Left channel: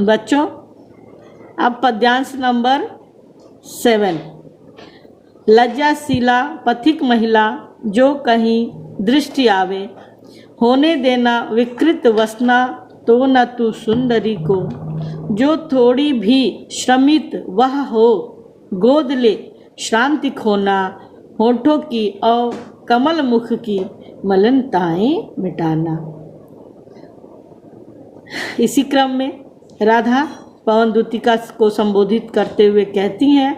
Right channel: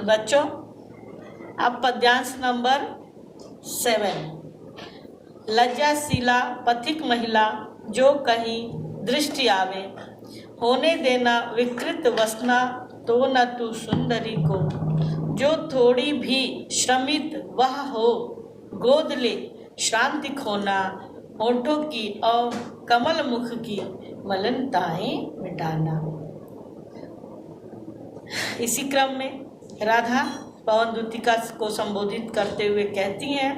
बच्चों, अब पद्यांश नंबर 7। लज्जाशीला पथिक महिला जो कहीं दृष्टि आवे, होने देना विकृत वसना तो न तू सुंदरी को। जो थोड़ी भी श्रमित वह हो, गोद ले श्रांति खोना, होठों की और कमल मुख की मलिनताएं मिटाना। इसी क्रम में राधा पवन दूतिका को संबोधित करते हुए कहती हैं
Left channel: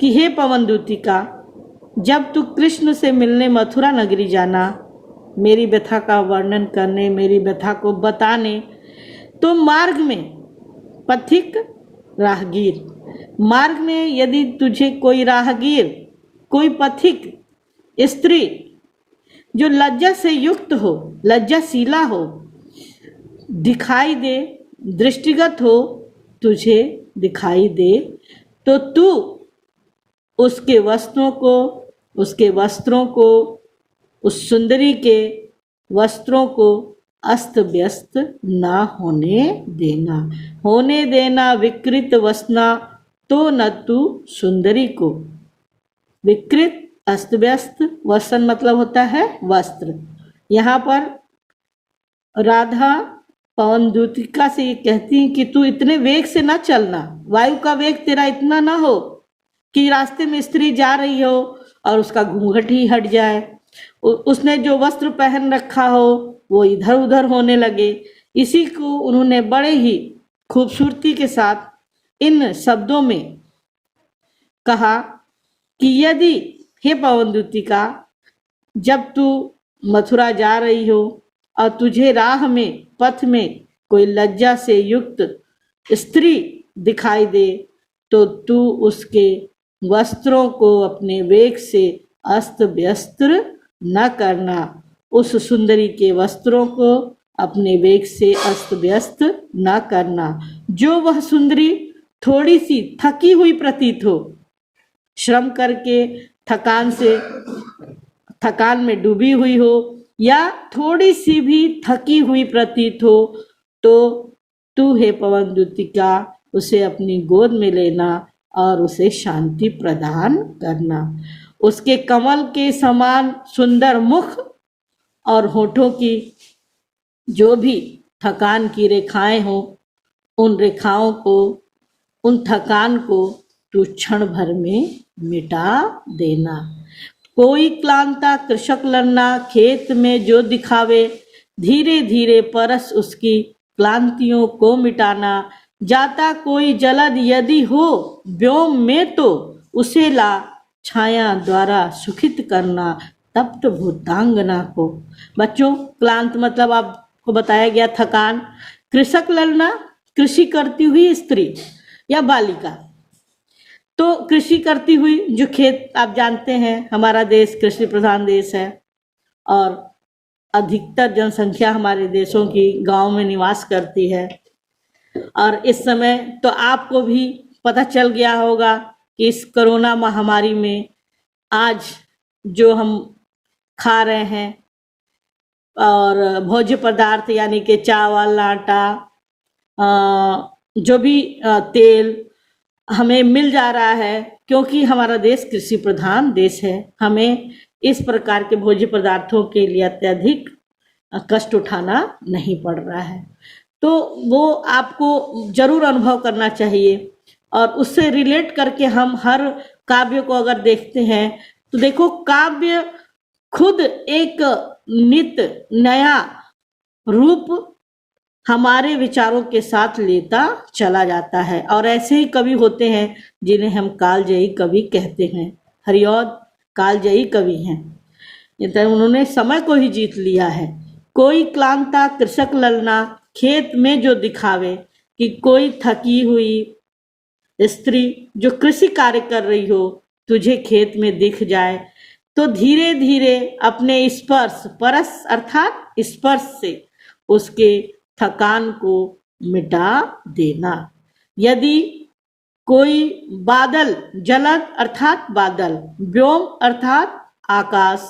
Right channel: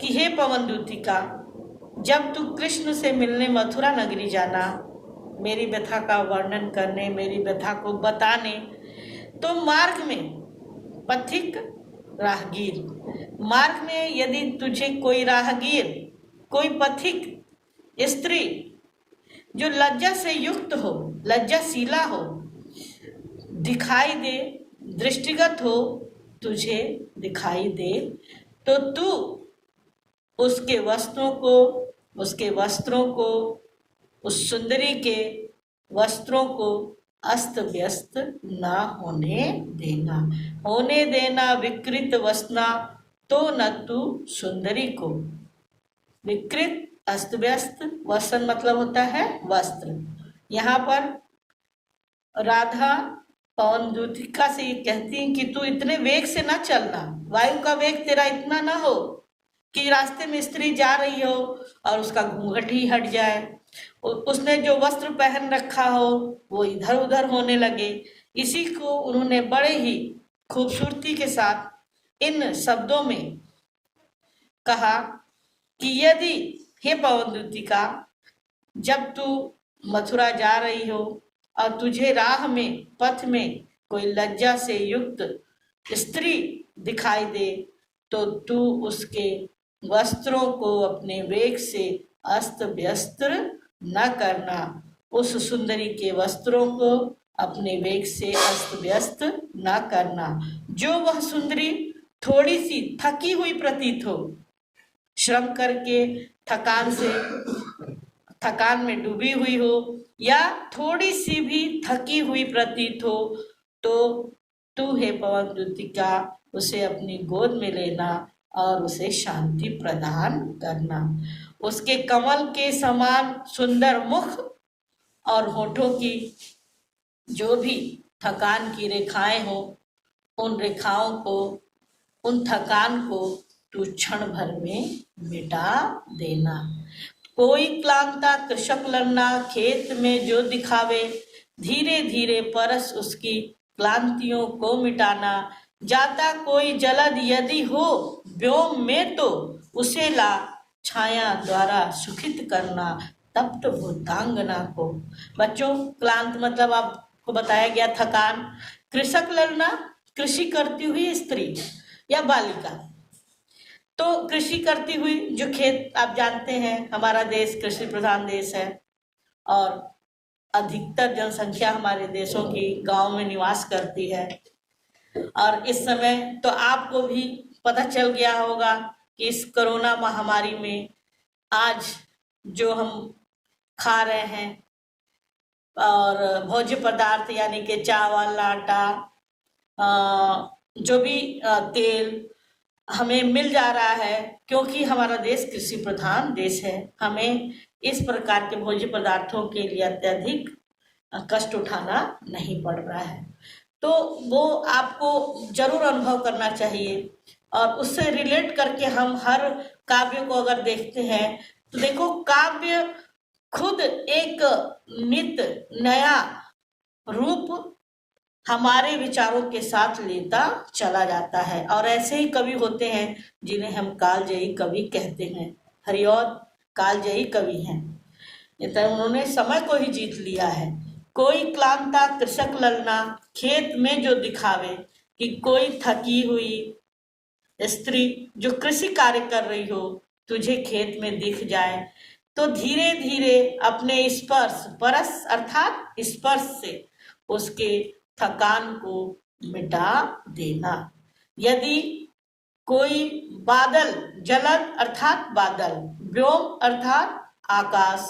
कि हे पवन दूतिका, जब तू कृष्ण से मिलने मथुरा नगरी जाना, मेरी व्यथा का वर्णन करने, मेरी व्यथा को बताने, तो मार्ग में पथिक राहगीर, मार्ग में यदि तुझे कोई राहगीर, कोई पथिक स्त्री जो लज्जा से युक्त हो, लज्जाशीला हो, दिखाई दे, दृष्टिगत हो, तुझे दिखाई दे, तो तू उसके वस्त्रों को, उस सुंदरी के वस्त्रों को अस्त व्यस्त ना होने देना। होने देना विकृत वसना तो न तू सुंदरी को। विकृत, अस्त व्यस्त, वसन मतलब होता है वस्त्र। यहाँ पर राधा पवन दूतिका से ये कहती है कि तू इतने वेग से ना चलना, वायु का वेग तेरा इतना ना हो कि रास्ते में स्त्री जा रही हो और उसका घूंघट ही हट जाए, उसने जो वस्त्र पहन रखा हो वो इधर उधर होने लगे। इसी को उन्होंने बड़े ही खूबसूरती के साथ इन शब्दों में कहा कि यदि हे पवन दूतिका, जब तू मथुरा जा रही हो और तुझे राह में, पथ में कोई लज्जा से युक्त स्त्री दिखाई दे, तो तू उसके वस्त्रों को अपने वेग से अस्त व्यस्त न करना। उस सुंदरी के वस्त्रों को अपने वेग से अस्त व्यस्त न करना। जो वह सुंदरी थोड़ी सी थकी हुई प्रतीत हो, श्रम करके थकान में डूबी हुई हो, या थोड़ी सी भी थकी हुई प्रतीत हो, तो तू हे पवन दूतिका उसे अपनी गोद में लेना और उसे शांति प्रदान करना। उसके कमल के समान सुंदर मुख और होठों की जो भी थकान की रेखाएं हो, उन रेखाओं को, उन थकान को तू क्षण भर में मिटा देना। कोई क्लांता कृषक लड़ना, खेत में जो दिखावे, धीरे धीरे परस उसकी क्लांतियों को मिटाना। जाता कोई जलद यदि हो व्योम में, तो उसे ला छाया द्वारा सुखित करना, तप्त भूतांगना को। बच्चों, क्लांत मतलब आपको बताया गया थकान। कृषक लड़ना, कृषि करती हुई स्त्री या बालिका। तो कृषि करती हुई जो खेत, आप जानते हैं हमारा देश कृषि प्रधान देश है और अधिकतर जनसंख्या हमारे देशों की गांव में निवास करती है। और इस समय तो आपको भी पता चल गया होगा कि इस कोरोना महामारी में आज जो हम खा रहे हैं और भोज्य पदार्थ यानी कि चावल, आटा, जो भी तेल हमें मिल जा रहा है, क्योंकि हमारा देश कृषि प्रधान देश है। हमें इस प्रकार के भोज्य पदार्थों के लिए अत्यधिक कष्ट उठाना नहीं पड़ रहा है। तो वो आपको जरूर अनुभव करना चाहिए और उससे रिलेट करके हम हर काव्य को अगर देखते हैं तो देखो, काव्य खुद एक नित नया रूप हमारे विचारों के साथ लेता चला जाता है। और ऐसे ही कवि होते हैं जिन्हें हम कालजयी कवि कहते हैं। हरिऔध कालजयी कवि हैं, उन्होंने समय को ही जीत लिया है। कोई क्लांता कृषक ललना, खेत में जो दिखावे, कि कोई थकी हुई स्त्री जो कृषि कार्य कर रही हो तुझे खेत में दिख जाए, तो धीरे धीरे अपने स्पर्श, परस अर्थात स्पर्श से उसके थकान को मिटा देना। यदि कोई बादल, जलद अर्थात बादल, व्योम अर्थात आकाश,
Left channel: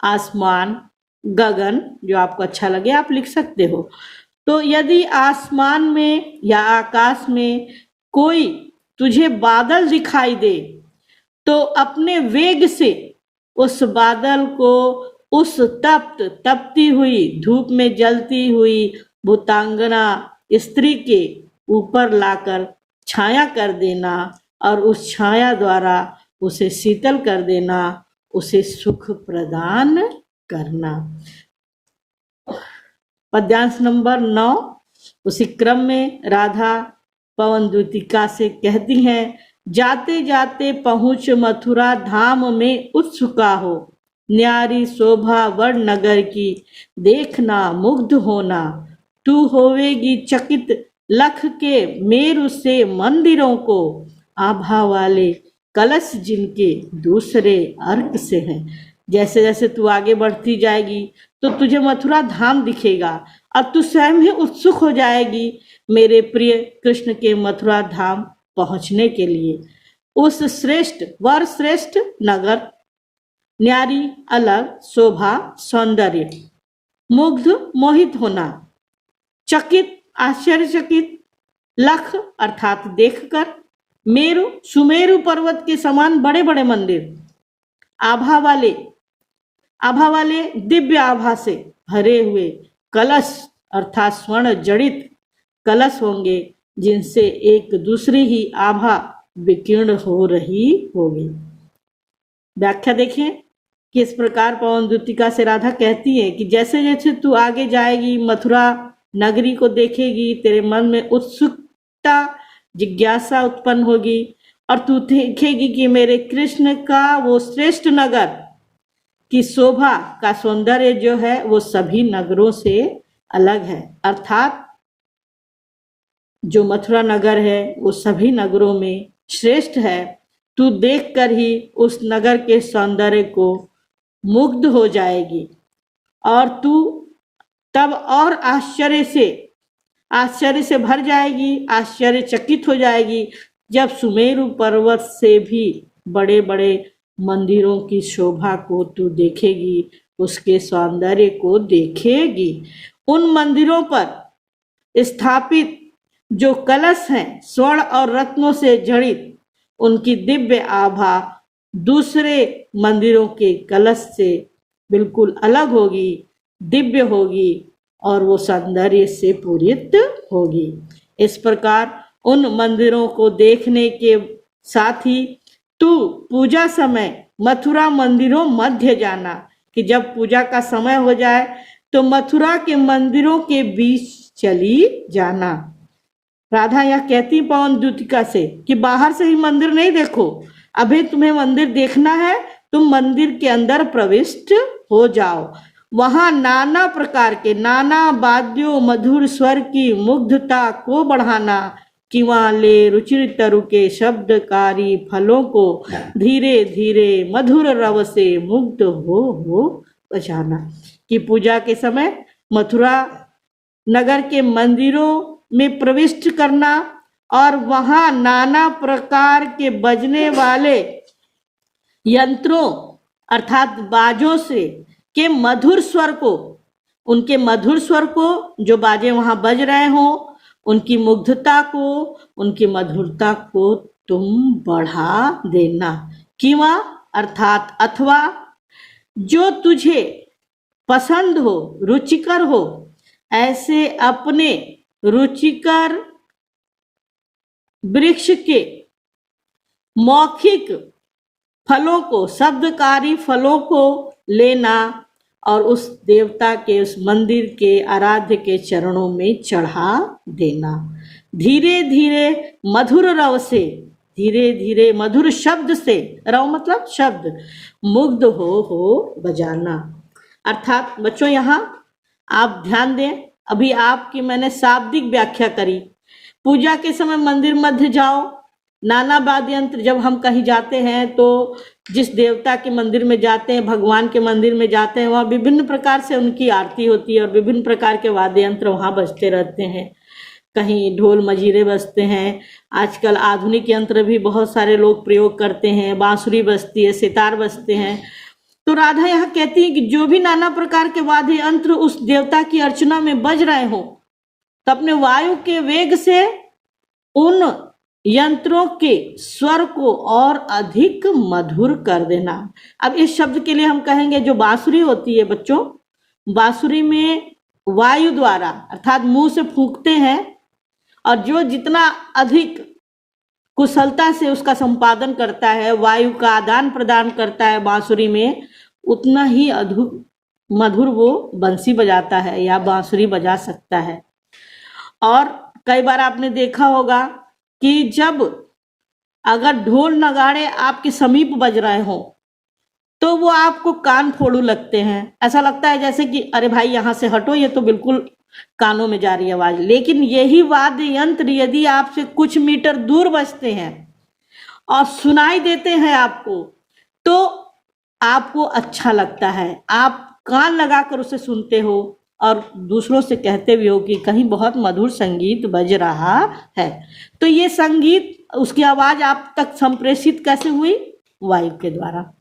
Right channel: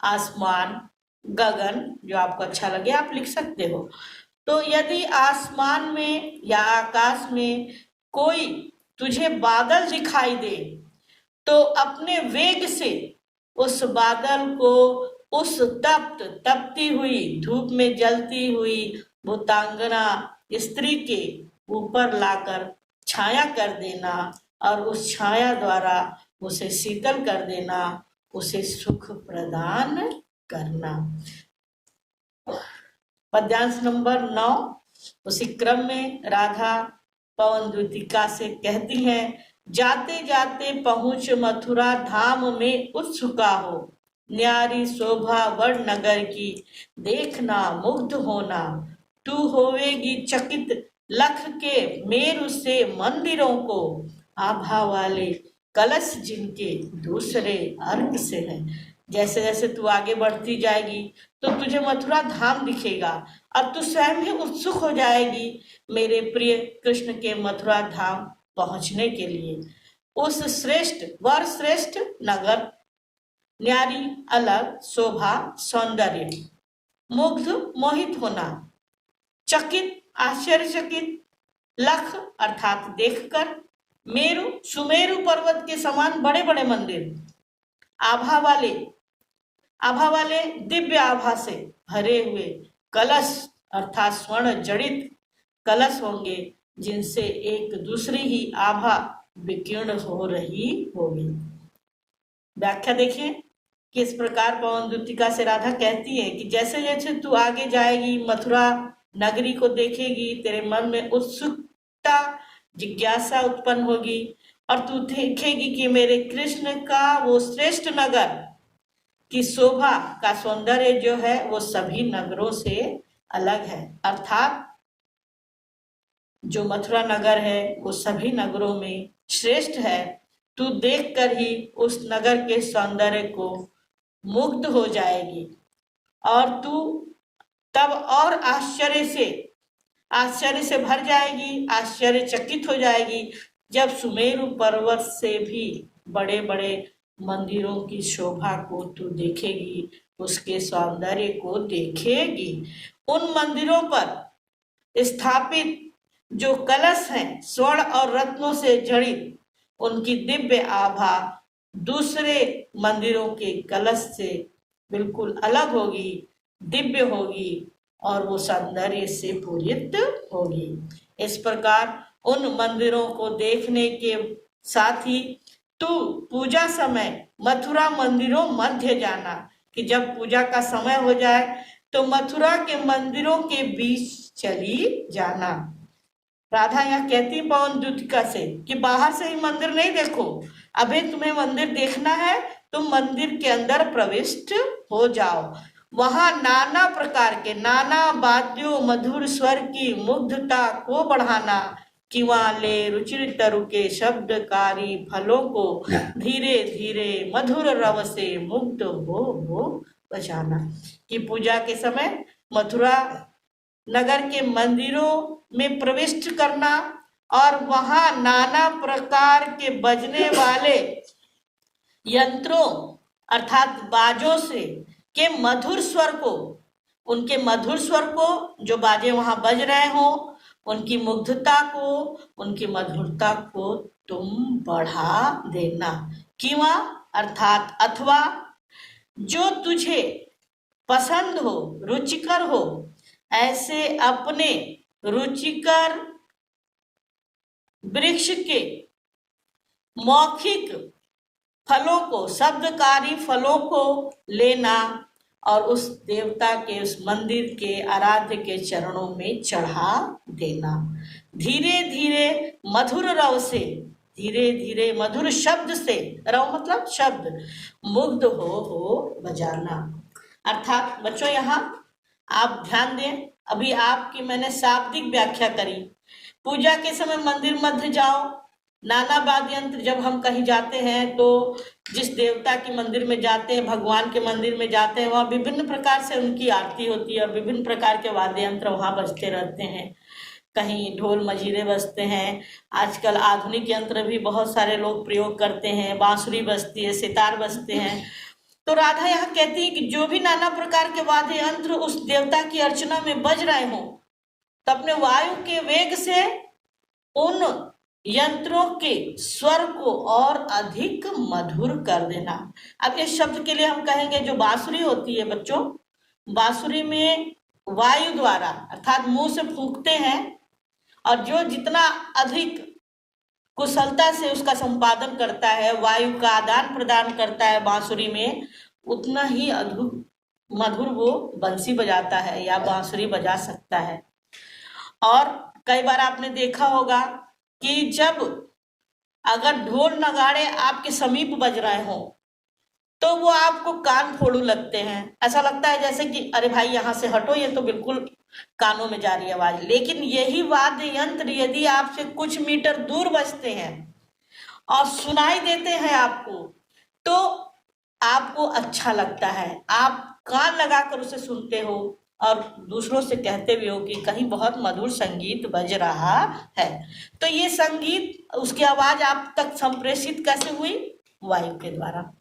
आसमान, गगन, जो आपको अच्छा लगे आप लिख सकते हो। तो यदि आसमान में या आकाश में कोई तुझे बादल दिखाई दे तो अपने वेग से उस बादल को उस तपती हुई धूप में जलती हुई भूतांगना स्त्री के ऊपर लाकर छाया कर देना और उस छाया द्वारा उसे शीतल कर देना, उसे सुख प्रदान करना। पद्यांश नंबर 9 उसी क्रम में राधा पवन दूतिका से कहती हैं, जाते जाते पहुँच मथुरा धाम में उत्सुका हो, न्यारी शोभा वर्ण नगर की देखना मुग्ध होना, तू होवेगी चकित लख के मेरु से मंदिरों को, आभा वाले कलश जिनके दूसरे अर्क से हैं। जैसे जैसे तू आगे बढ़ती जाएगी तो तुझे मथुरा धाम दिखेगा और तू स्वयं ही उत्सुक हो जाएगी मेरे प्रिय कृष्ण के मथुरा धाम पहुंचने के लिए। उस श्रेष्ठ वर श्रेष्ठ नगर, न्यारी अलग शोभा सौंदर्य, मुग्ध मोहित होना, चकित आश्चर्यचकित, लख अर्थात देखकर, मेरु सुमेरु पर्वत के समान बड़े बड़े मंदिर, आभा वाले दिव्य आभा से भरे हुए कलश अर्थात स्वर्ण जड़ित कलश होंगे जिनसे एक दूसरे ही आभा विकीर्ण हो रही होगी। व्याख्या देखें कि इस प्रकार पवन दूतिका से राधा कहती है कि जैसे जैसे तू आगे जाएगी मथुरा नगरी को देखेगी, तेरे मन में उत्सुकता जिज्ञासा उत्पन्न होगी और तू देखेगी कि मेरे कृष्ण का वो श्रेष्ठ नगर की शोभा का सौंदर्य जो है वो सभी नगरों से अलग है, अर्थात जो मथुरा नगर है वो सभी नगरों में श्रेष्ठ है। तू देखकर ही उस नगर के सौंदर्य को मुग्ध हो जाएगी और तू तब और आश्चर्य से भर जाएगी, आश्चर्यचकित हो जाएगी जब सुमेरु पर्वत से भी बड़े बड़े मंदिरों की शोभा को तू देखेगी, उसके सौंदर्य को देखेगी। उन मंदिरों पर स्थापित जो कलश हैं स्वर्ण और रत्नों से जड़ित, उनकी दिव्य आभा दूसरे मंदिरों के कलश से बिल्कुल अलग होगी, दिव्य होगी और वो सौंदर्य से पूरित होगी। इस प्रकार उन मंदिरों को देखने के साथ ही तू पूजा समय मथुरा मंदिरों मध्य जाना, कि जब पूजा का समय हो जाए तो मथुरा के मंदिरों के बीच चली जाना। राधा यह कहती पवन दूतिका से कि बाहर से ही मंदिर नहीं देखो, अभी तुम्हें मंदिर देखना है, तुम मंदिर के अंदर प्रविष्ट हो जाओ। वहां नाना प्रकार के नाना वाद्यों मधुर स्वर की मुग्धता को बढ़ाना, किवाले रुचिर तरु के शब्दकारी फलों को धीरे धीरे मधुर रव से मुग्ध हो बजाना। कि पूजा के समय मथुरा नगर के मंदिरों में प्रविष्ट करना और वहां नाना प्रकार के बजने वाले यंत्रों अर्थात बाजों से के मधुर स्वर को, उनके मधुर स्वर को जो बाजे वहां बज रहे हो, उनकी मुग्धता को, उनकी मधुरता को तुम बढ़ा देना। किवा अर्थात अथवा जो तुझे पसंद हो, रुचिकर हो, ऐसे अपने रुचिकर वृक्ष के मौखिक फलों को, शब्दकारी फलों को लेना और उस देवता के, उस मंदिर के आराध्य के चरणों में चढ़ा देना। धीरे धीरे मधुर रव से, धीरे धीरे मधुर शब्द से, रव मतलब शब्द, मुग्ध हो बजाना। अर्थात बच्चों यहाँ आप ध्यान दें, अभी आपकी मैंने शाब्दिक व्याख्या करी। पूजा के समय मंदिर मध्य जाओ, नाना वाद्य यंत्र, जब हम कहीं जाते हैं तो जिस देवता के मंदिर में जाते हैं, भगवान के मंदिर में जाते हैं, वहाँ विभिन्न प्रकार से उनकी आरती होती है और विभिन्न प्रकार के वाद्य यंत्र वहाँ बजते रहते हैं। कहीं ढोल मजीरे बजते हैं, आजकल आधुनिक यंत्र भी बहुत सारे लोग प्रयोग करते हैं, बांसुरी बजती है, सितार बजते हैं। तो राधा यहाँ कहती है कि जो भी नाना प्रकार के वाद्य यंत्र उस देवता की अर्चना में बज रहे हो, तो अपने वायु के वेग से उन यंत्रों के स्वर को और अधिक मधुर कर देना। अब इस शब्द के लिए हम कहेंगे जो बांसुरी होती है बच्चों, बांसुरी में वायु द्वारा अर्थात मुंह से फूंकते हैं, और जो जितना अधिक कुशलता से उसका संपादन करता है, वायु का आदान प्रदान करता है बांसुरी में, उतना ही अद्भुत मधुर वो बंसी बजाता है या बांसुरी बजा सकता है। और कई बार आपने देखा होगा कि जब अगर ढोल नगाड़े आपके समीप बज रहे हो तो वो आपको कान फोड़ू लगते हैं। ऐसा लगता है जैसे कि अरे भाई यहाँ से हटो, ये तो बिल्कुल कानों में जा रही है आवाज। लेकिन यही वाद्य यंत्र यदि आपसे कुछ मीटर दूर बजते हैं और सुनाई देते हैं आपको, तो आपको अच्छा लगता है, आप कान लगाकर उसे सुनते हो और दूसरों से कहते भी हो कि कहीं बहुत मधुर संगीत बज रहा है। तो ये संगीत, उसकी आवाज आप तक संप्रेषित कैसे हुई? वायु के द्वारा।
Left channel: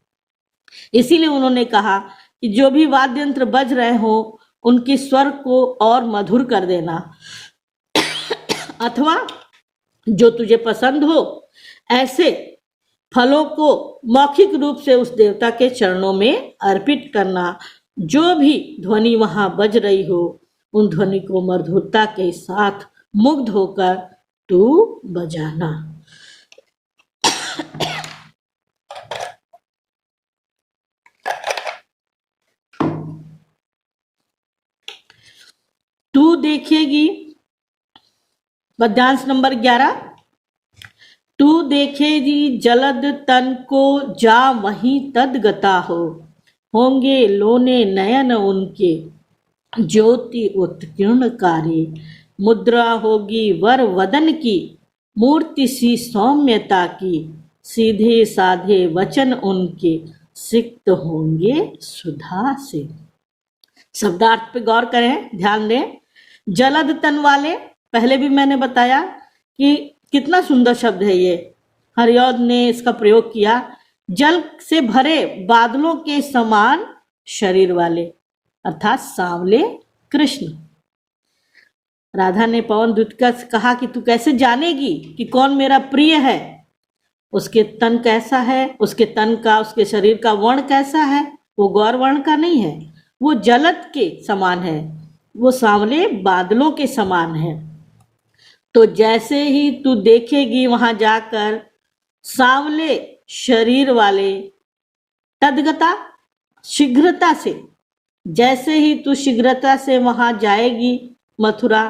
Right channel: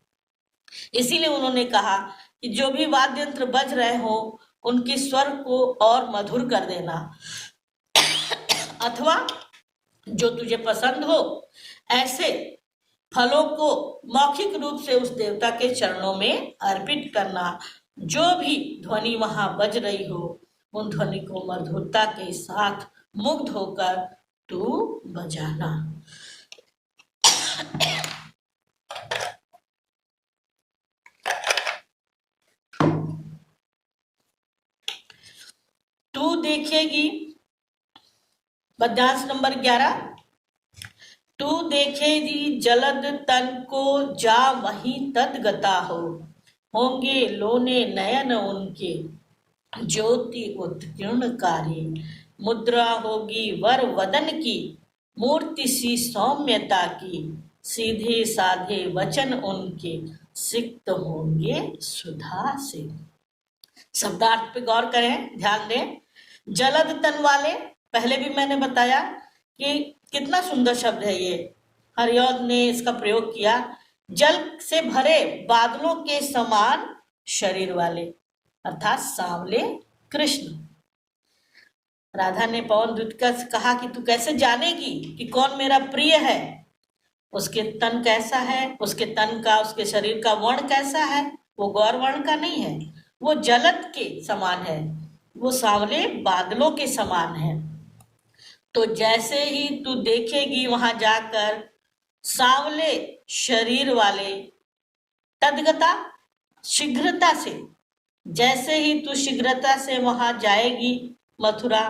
इसीलिए उन्होंने कहा कि जो भी वाद्य यंत्र बज रहे हो उनके स्वर को और मधुर कर देना, अथवा जो तुझे पसंद हो ऐसे फलों को मौखिक रूप से उस देवता के चरणों में अर्पित करना। जो भी ध्वनि वहां बज रही हो उन ध्वनि को मधुरता के साथ मुग्ध होकर तू बजाना। तू देखेगी, पद्यांश नंबर 11, तू देखेगी जलद तन को जा वहीं तदगता हो, होंगे लोने नयन उनके ज्योति उत्कीर्णकारी, मुद्रा होगी वर वदन की मूर्ति सी सौम्यता की, सीधे साधे वचन उनके सिक्त होंगे सुधा से। शब्दार्थ पे गौर करें, ध्यान दें। जलद तन वाले, पहले भी मैंने बताया कि कितना सुंदर शब्द है ये, हरिऔध ने इसका प्रयोग किया। जल से भरे बादलों के समान शरीर वाले अर्थात सांवले कृष्ण। राधा ने पवन दूत का कहा कि तू कैसे जानेगी कि कौन मेरा प्रिय है, उसके तन कैसा है, उसके तन का, उसके शरीर का वर्ण कैसा है। वो गौर वर्ण का नहीं है, वो जलद के समान है, वो सांवले बादलों के समान है। तो जैसे ही तू देखेगी वहां जाकर सांवले शरीर वाले, तदगता शीघ्रता से, जैसे ही तू शीघ्रता से वहां जाएगी मथुरा,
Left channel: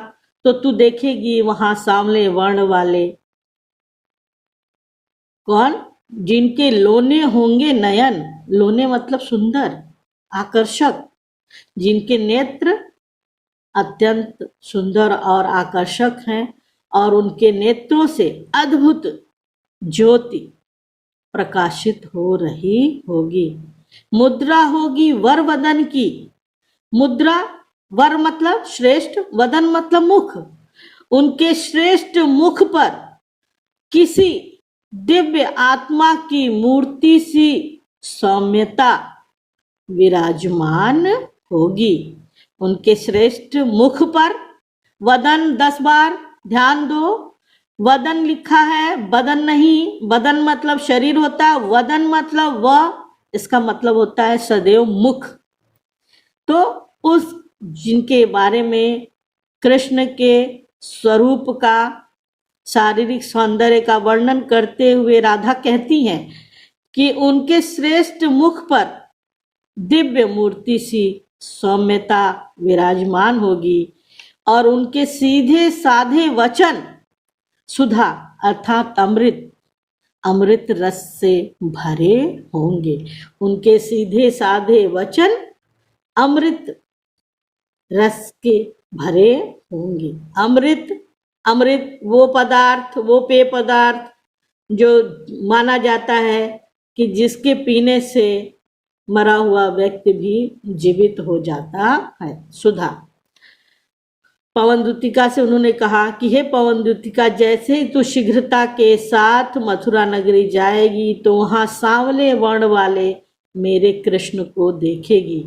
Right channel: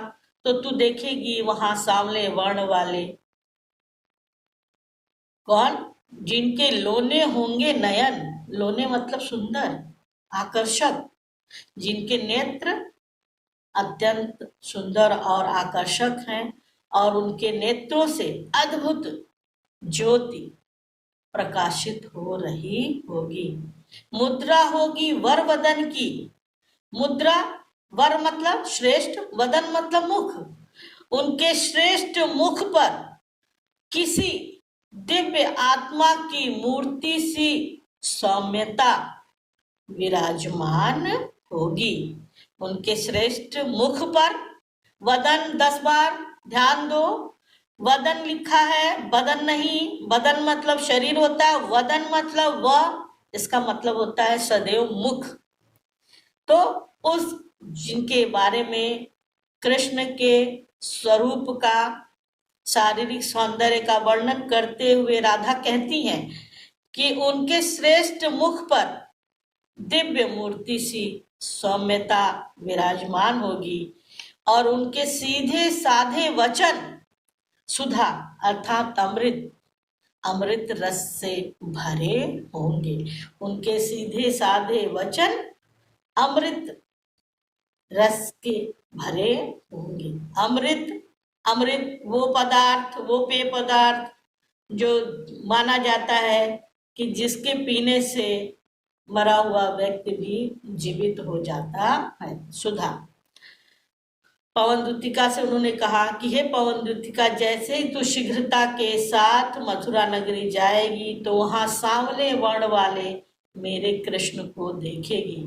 तो तू देखेगी वहां सांवले वर्ण वाले कौन? जिनके लोने होंगे नयन, लोने मतलब सुंदर, आकर्षक, जिनके नेत्र अत्यंत सुंदर और आकर्षक हैं और उनके नेत्रों से अद्भुत ज्योति प्रकाशित हो रही होगी। मुद्रा होगी वर वदन की, मुद्रा, वर मतलब श्रेष्ठ, वदन मतलब मुख, उनके श्रेष्ठ मुख पर किसी दिव्य आत्मा की मूर्ति सी सौम्यता विराजमान होगी। उनके श्रेष्ठ मुख पर, वदन 10 बार ध्यान दो, वदन लिखा है, बदन नहीं। बदन मतलब शरीर होता है, वदन मतलब वह, इसका मतलब होता है सदैव मुख। तो उस जिनके बारे में कृष्ण के स्वरूप का, शारीरिक सौंदर्य का वर्णन करते हुए राधा कहती हैं कि उनके श्रेष्ठ मुख पर दिव्य मूर्ति सी सौम्यता विराजमान होगी और उनके सीधे साधे वचन सुधा अर्थात अमृत, अमृत रस से भरे होंगे। उनके सीधे साधे वचन अमृत रस के भरे होंगे। अमृत, अमृत वो पदार्थ, वो पेय पदार्थ जो माना जाता है कि जिसके पीने से मरा हुआ व्यक्ति भी जीवित हो जाता है। सुधा। पवन दूतिका से उन्होंने कहा कि हे पवन दूतिका, जैसे ही तू शीघ्रता के साथ मथुरा नगरी जाएगी तो वहां सांवले वर्ण वाले मेरे कृष्ण को देखेगी।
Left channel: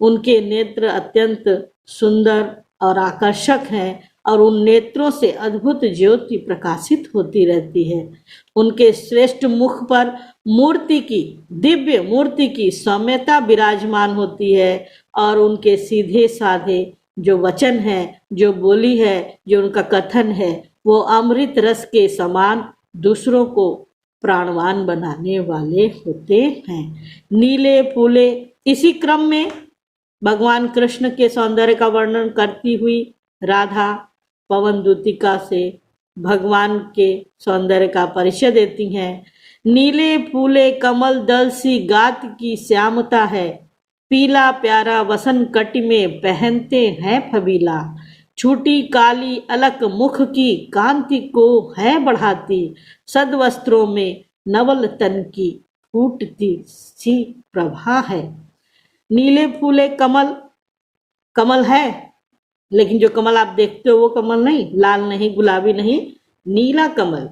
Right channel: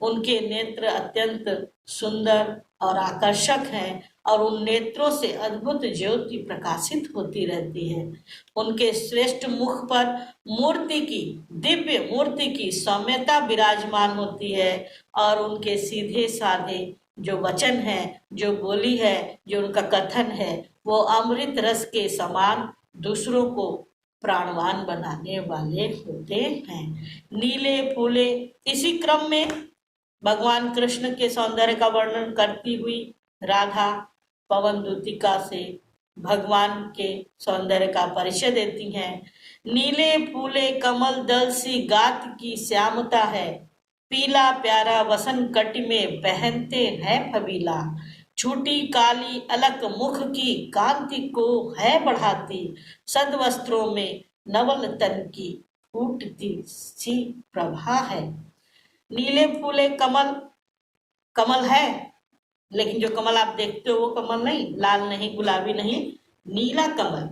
उनके नेत्र अत्यंत सुंदर और आकर्षक हैं और उन नेत्रों से अद्भुत ज्योति प्रकाशित होती रहती है। उनके श्रेष्ठ मुख पर मूर्ति की, दिव्य मूर्ति की सौम्यता विराजमान होती है और उनके सीधे साधे जो वचन है, जो बोली है, जो उनका कथन है, वो अमृत रस के समान दूसरों को प्राणवान बनाने वाले होते हैं। नीले फूले, इसी क्रम में भगवान कृष्ण के सौंदर्य का वर्णन करती हुई राधा पवन दूतिका से भगवान के सौंदर्य का परिचय देती हैं। नीले फूले कमल दल सी गात की श्यामता है, पीला प्यारा वसन कटि में पहनते हैं फबीला, छोटी काली अलक मुख की कांति को है बढ़ाती, सद वस्त्रों में नवल तन की फूटती सी प्रभा है। नीले फूले कमल, कमल है, लेकिन जो कमल आप देखते हो वो कमल नहीं, लाल नहीं, गुलाबी नहीं, नीला कमल,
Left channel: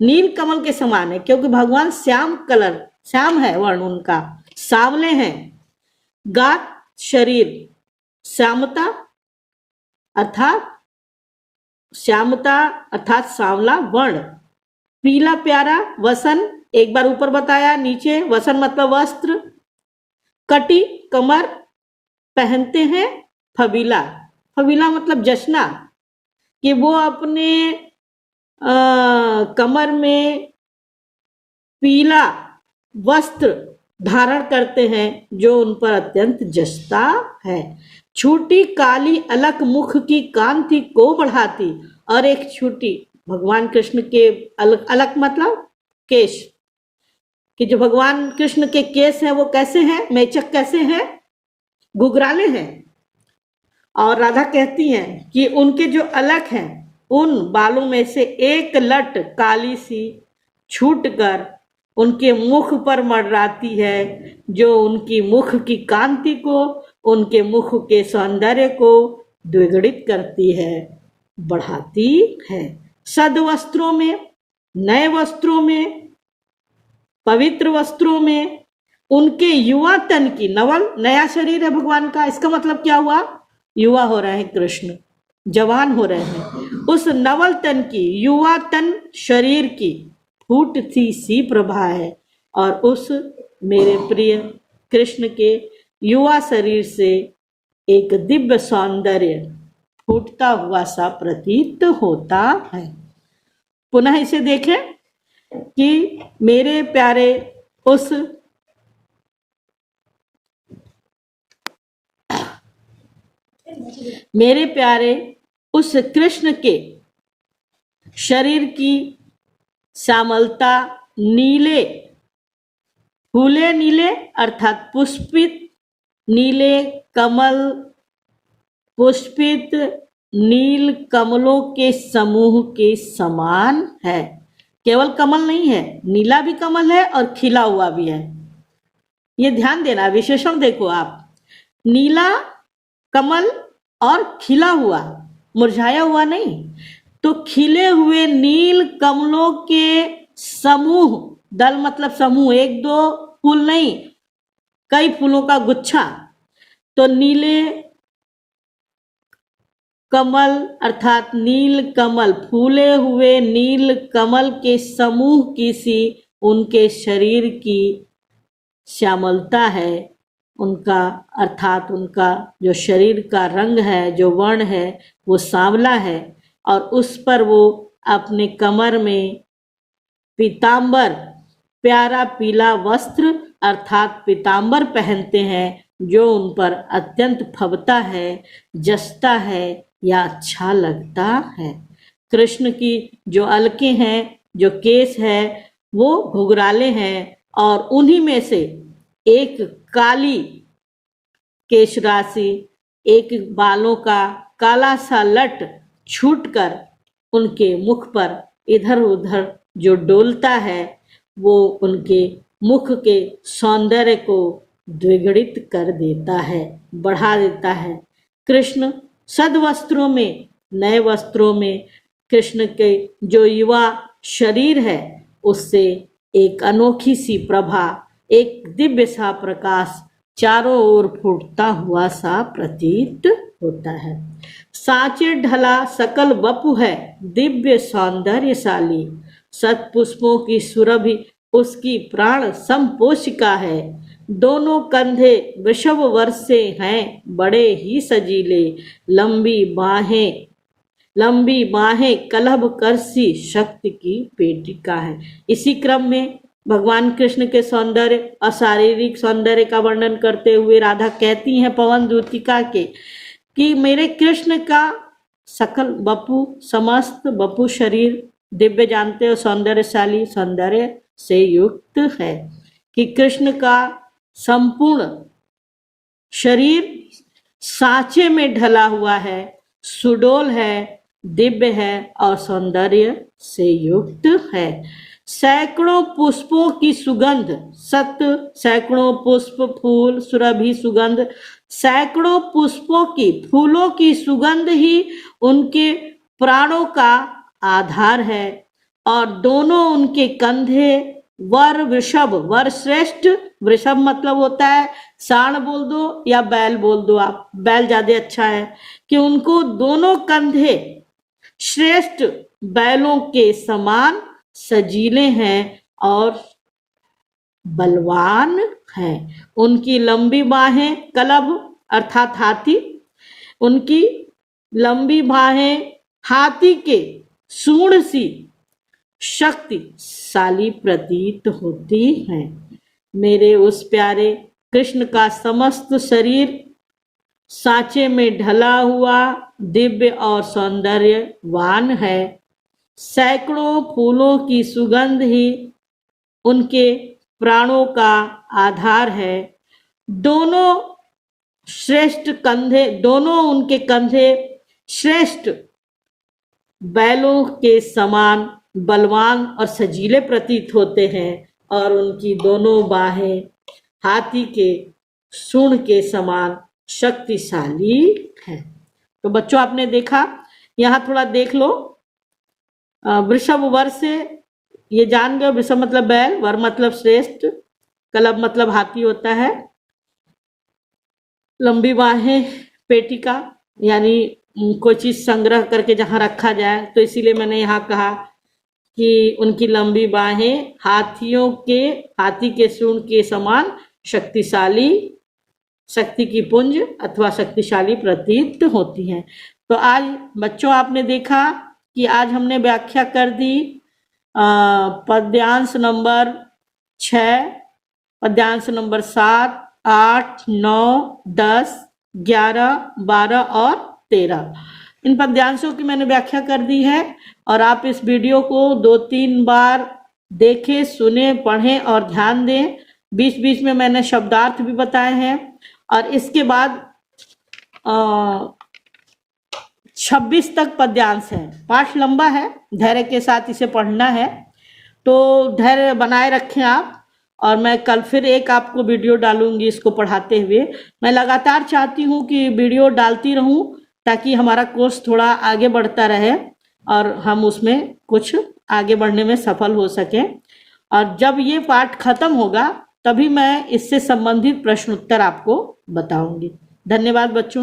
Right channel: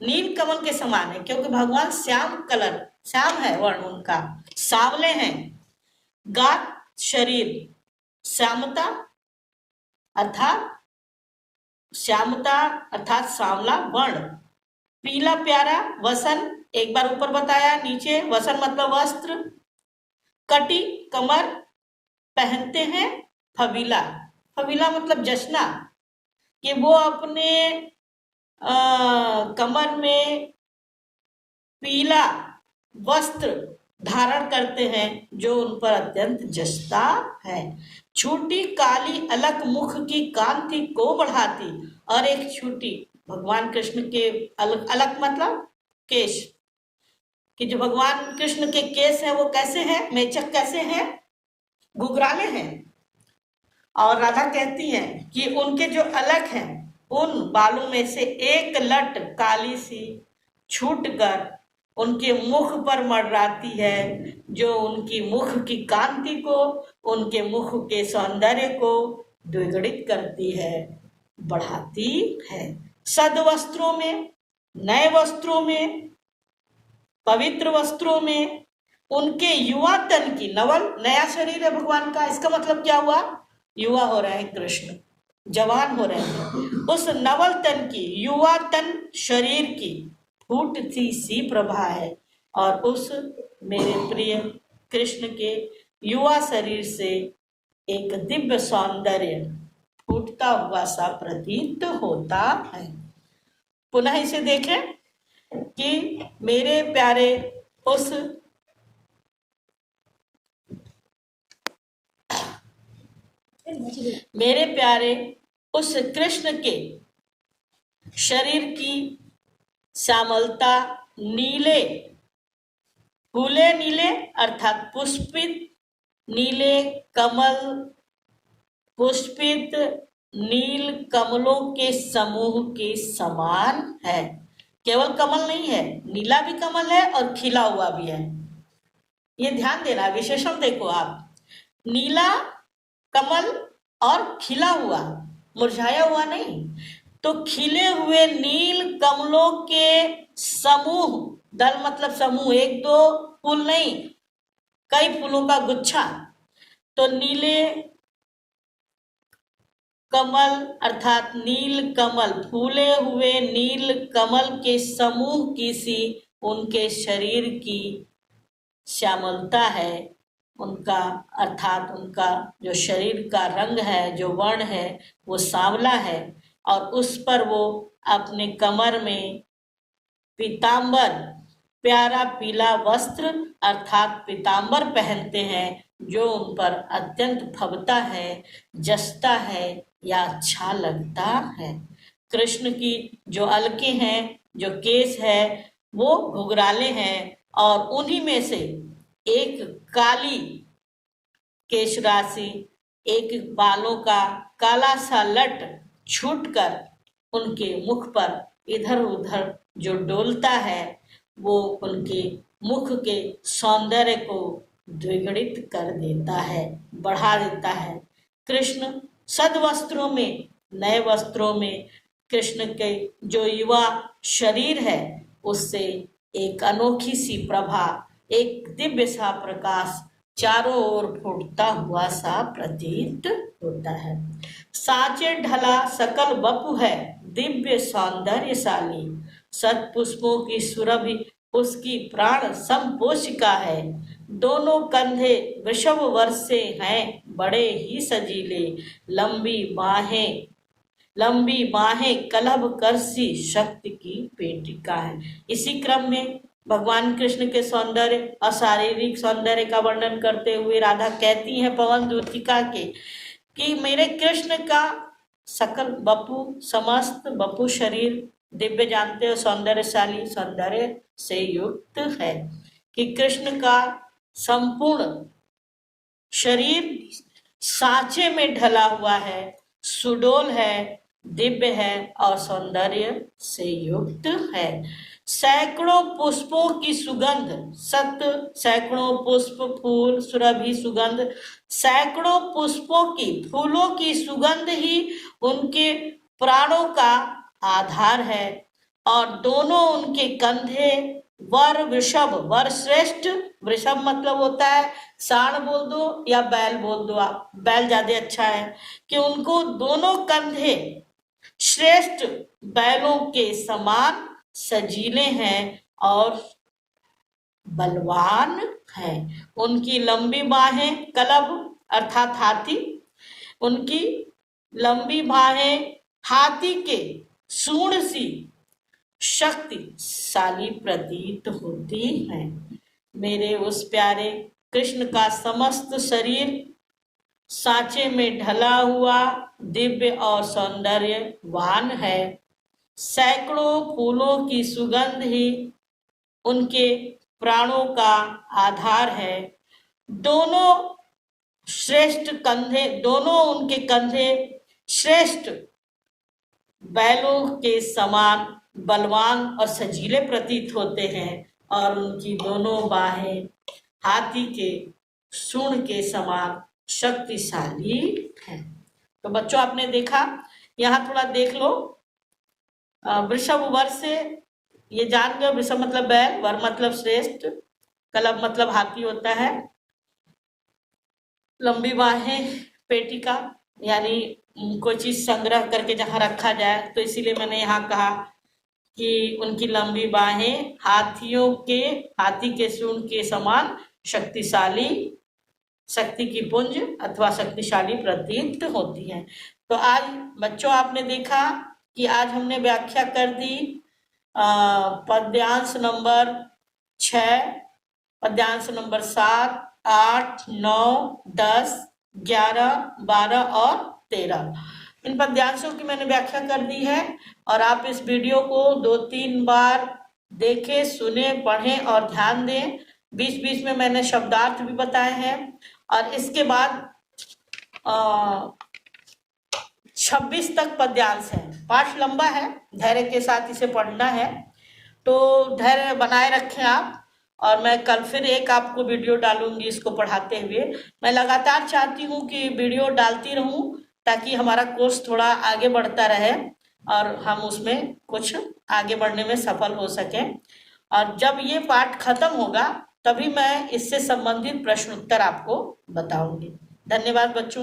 नील कमल के समान है, क्योंकि भगवान श्याम कलर, श्याम है वर्ण उनका, सांवले हैं। गात शरीर, श्यामता अर्थात सांवला वर्ण। पीला प्यारा वसन, एक बार ऊपर बताया, नीचे वसन मतलब वस्त्र। कटी कमर, पहनते हैं फबीला, फबीला मतलब जशना, कि वो अपने कमर में पीला वस्त्र धारण करते हैं जो उन पर अत्यंत जचता है। छोटी काली अलक मुख की कांति को बढ़ाती, और एक छोटी भगवान कृष्ण के अलक, अलक मतलब केश, कि जो भगवान कृष्ण के केश हैं वो कैसे हैं, मेचक कैसे हैं, घुघराले हैं। और राधा कहती हैं कि उनके जो अलक हैं उन बालों में से एक लट काली सी छूटकर उनके मुख पर मंडराती है, जो उनकी मुख की कांति को, उनके मुख के सौंदर्य को द्विगुणित करती है, बढ़ाती है। सद वस्त्रों में, नए वस्त्रों में, पवित्र वस्त्रों में उनके युवा तन की, नवल नया शरीर है भगवान का, इसका मतलब क्या हुआ, युवा हो रहे हैं कृष्ण, जवान हो रहे हैं। उस नवल तन की, युवा तन शरीर की फूटती सी प्रभा है, और उस मेरे प्रिय कृष्ण के युवा शरीर से एक दिव्य सौंदर्य फूटता हुआ सा प्रतीत होता है। पुनः इसे देखें कि मेरे प्यारे उस कृष्ण के शरीर की श्यामलता, नीले फूले, नीले अर्थात पुष्पित, नीले कमल पुष्पित नील कमलों के समूह के समान है। केवल कमल नहीं है, नीला भी कमल है और खिला हुआ भी है। ये ध्यान देना, विशेषण देखो आप, नीला कमल और खिला हुआ, मुरझाया हुआ नहीं। तो खिले हुए नील कमलों के समूह, दल मतलब समूह, एक दो फूल नहीं, कई फूलों का गुच्छा। तो नीले कमल अर्थात नील कमल, फूले हुए नील कमल के समूह की सी उनके शरीर की श्यामलता है, उनका अर्थात उनका जो शरीर का रंग है, जो वर्ण है, वो सांवला है, और उस पर वो अपने कमर में पीतांबर, प्यारा पीला वस्त्र अर्थात पीतांबर पहनते हैं, जो उन पर अत्यंत फबता है, जचता है या अच्छा लगता है। कृष्ण की जो अलके हैं, जो केस है, वो घुघराले हैं, और उन्हीं में से एक काली केश राशि, एक बालों का काला सा लट छूटकर उनके मुख पर इधर उधर जो डोलता है, वो उनके मुख के सौंदर्य को द्विगुणित कर देता है, बढ़ा देता है। कृष्ण सद वस्त्रों में, नए वस्त्रों में कृष्ण के जो युवा शरीर है, उससे एक अनोखी सी प्रभा एक दिव्य सा प्रकाश चारों ओर फूटता हुआ सा प्रतीत होता है। साचे ढला सकल वपु है दिव्य सौंदर्यशाली, सतपुष्पों की सुरभि उसकी प्राण संपोषिका है। दोनों कंधे वृषभ वर्षे हैं बड़े ही सजीले, लंबी बाहें कलभ करसी शक्ति की पेटिका है। इसी क्रम में भगवान कृष्ण के सौंदर्य और शारीरिक सौंदर्य का वर्णन करते हुए राधा कहती हैं पवन दूतिका के कि मेरे कृष्ण का सकल वपु, समस्त वपु शरीर दिव्य जानते हो सौंदर्यशाली, सौंदर्य से युक्त है, कि कृष्ण का संपूर्ण शरीर सांचे में ढला हुआ है, सुडोल है, दिव्य है और सौंदर्य से युक्त है। सैकड़ों पुष्पों की सुगंध, सैकड़ों पुष्प फूल सुरभि सुगंध, सैकड़ों पुष्पों की फूलों की सुगंध ही उनके प्राणों का आधार है। और दोनों उनके कंधे वर वृषभ, वर श्रेष्ठ, वृषभ मतलब होता है सांड बोल दो या बैल बोल दो, आप बैल ज्यादा अच्छा है, कि उनको दोनों कंधे श्रेष्ठ बैलों के समान सजीले हैं और बलवान हैं। उनकी लंबी बाहें कलभ अर्थात हाथी, उनकी लंबी बाहें हाथी के सूंड सी शक्तिशाली प्रतीत होती हैं। मेरे उस प्यारे कृष्ण का समस्त शरीर सांचे में ढला हुआ दिव्य और सौंदर्यवान है। सैकड़ों फूलों की सुगंध ही उनके प्राणों का आधार है। दोनों उनके कंधे श्रेष्ठ बैलों के समान बलवान और सजीले प्रतीत होते हैं और उनकी दोनों बाहें हाथी के सूंड के समान शक्तिशाली है। तो बच्चों आपने देखा, यहाँ थोड़ा देख लो, वृषभ वर से ये जान गए, वृषभ मतलब बैल, वर मतलब श्रेष्ठ, कलभ मतलब हाथी होता है, लंबी बाहें पेटिका यानी कोई चीज संग्रह करके जहां रखा जाए, तो इसीलिए मैंने यहाँ कहा कि उनकी लंबी बाहें हाथी के सूंड के समान शक्तिशाली, शक्ति की पुंज अथवा शक्तिशाली प्रतीत होती हैं। तो आज बच्चों आपने देखा कि आज हमने व्याख्या कर दी पद्यांश नंबर 6, पद्यांश नंबर 7, 8, 9, 10, 11, 12 और 13। इन पद्यांशों की मैंने व्याख्या कर दी है और आप इस वीडियो को 2-3 बार देखें, सुने, पढ़ें और ध्यान दें। बीच बीच में मैंने शब्दार्थ भी बताए हैं। और इसके बाद 26 तक पद्यांश है। पाठ लंबा है, धैर्य के साथ इसे पढ़ना है, तो धैर्य बनाए रखें आप। और मैं कल फिर एक आपको वीडियो डालूंगी इसको पढ़ाते हुए। मैं लगातार चाहती हूँ कि वीडियो डालती रहूं ताकि हमारा कोर्स थोड़ा आगे बढ़ता रहे और हम उसमें कुछ आगे बढ़ने में सफल हो सकें। और जब ये पाठ खत्म होगा तभी मैं इससे संबंधित प्रश्न उत्तर आपको बताऊंगी। धन्यवाद बच्चों।